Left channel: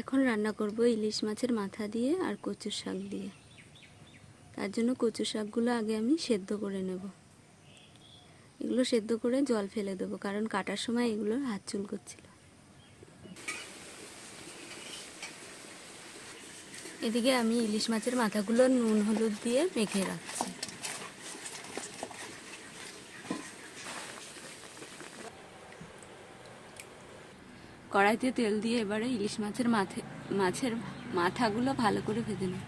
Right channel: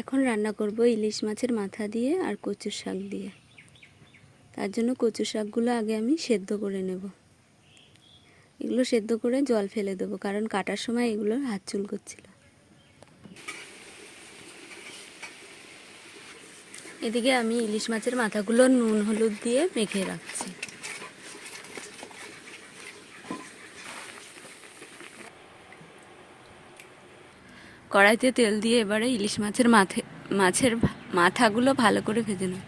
এখন রান্না করব ইলিশ মাছের মাথা দিয়ে আর কচুর শাক দিয়ে। তার জন্য কচু শাকগুলো আগে আমি সেদ্ধ করে নেব। এগুলো সেদ্ধ করে জল ফেলে দেবো, কারণ কাটার সময় এগুলোর হাত চুল করছিল এদিকে আমি ইলিশ মাছের মাথাগুলো নুন, হলুদ দিয়ে মেখে রাখছি। কড়াইতে তেল দিয়ে এবারে ইলিশ মাছের মাথে, মাছের মাথাগুলো ভালো করে ভেজে নেব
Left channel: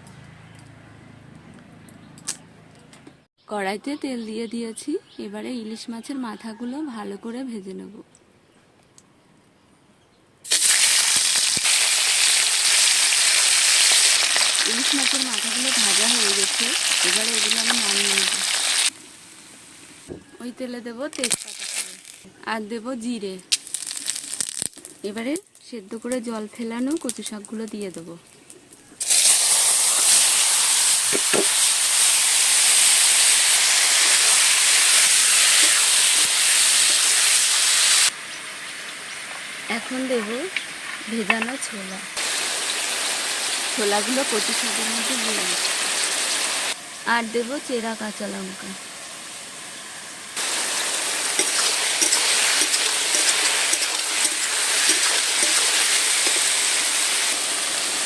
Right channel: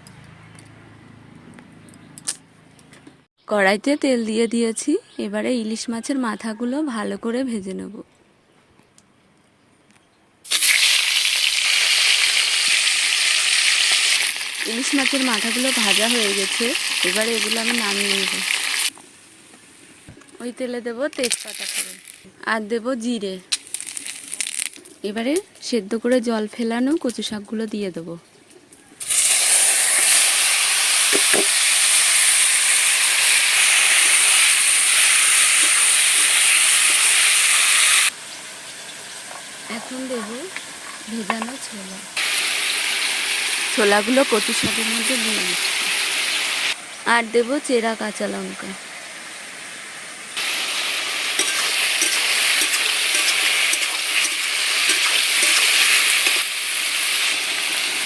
কড়াইতে তেল দিয়ে দিয়েছি, এবারে ইলিশ মাছের মাথাগুলো ভালো করে ভেজে নেব। ইলিশ মাছের মাথাগুলো ভাজা হয়ে গেছে, এবারে এগুলো আমি নামিয়ে নেব। ওই তেলে দেবো তেজপাতা। আর দেবো জিরে। এবারে সেদ্ধ করে জল ফেলানো কচু শাকগুলো দিয়ে দেবো। এখন দেব ভেজানো ছোলা। ছোলাগুলো কচু শাকের মধ্যে দিয়ে আর দেবো চেরা কাঁচা লঙ্কা।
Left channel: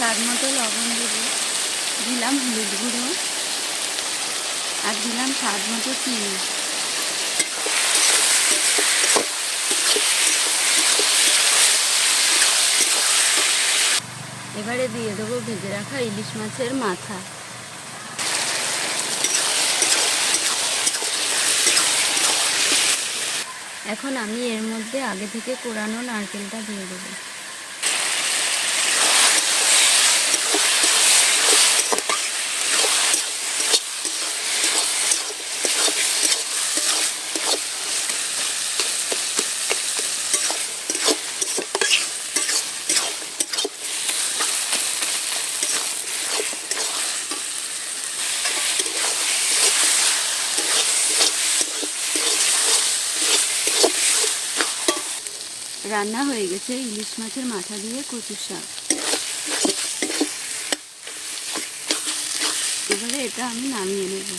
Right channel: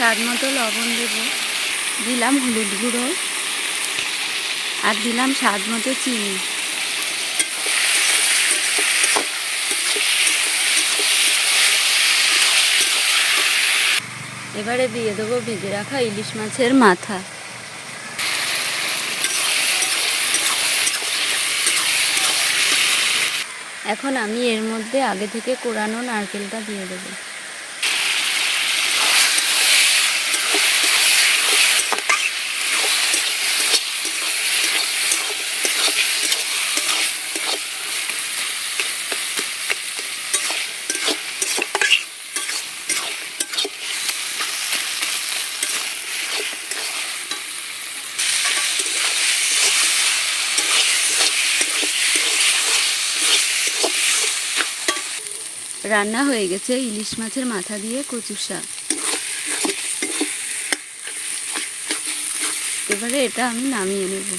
স্বাদ মতো লবণ দেবো। দিলাম হলুদ গুঁড়ো আর দিলাম স্বাদ মতো চিনি। এবারে দিয়ে দেবো ভেজে রাখা ইলিশ মাছের মাথা। এখন আমি এর মধ্যে আগে থেকে কোরানো নারকেলটা দিয়ে দেবো। রান্না হয়ে গেছে ইলিশ মাছের মাথা দিয়ে কচু শাক। এবারে এটা আমি নামিয়ে নেব।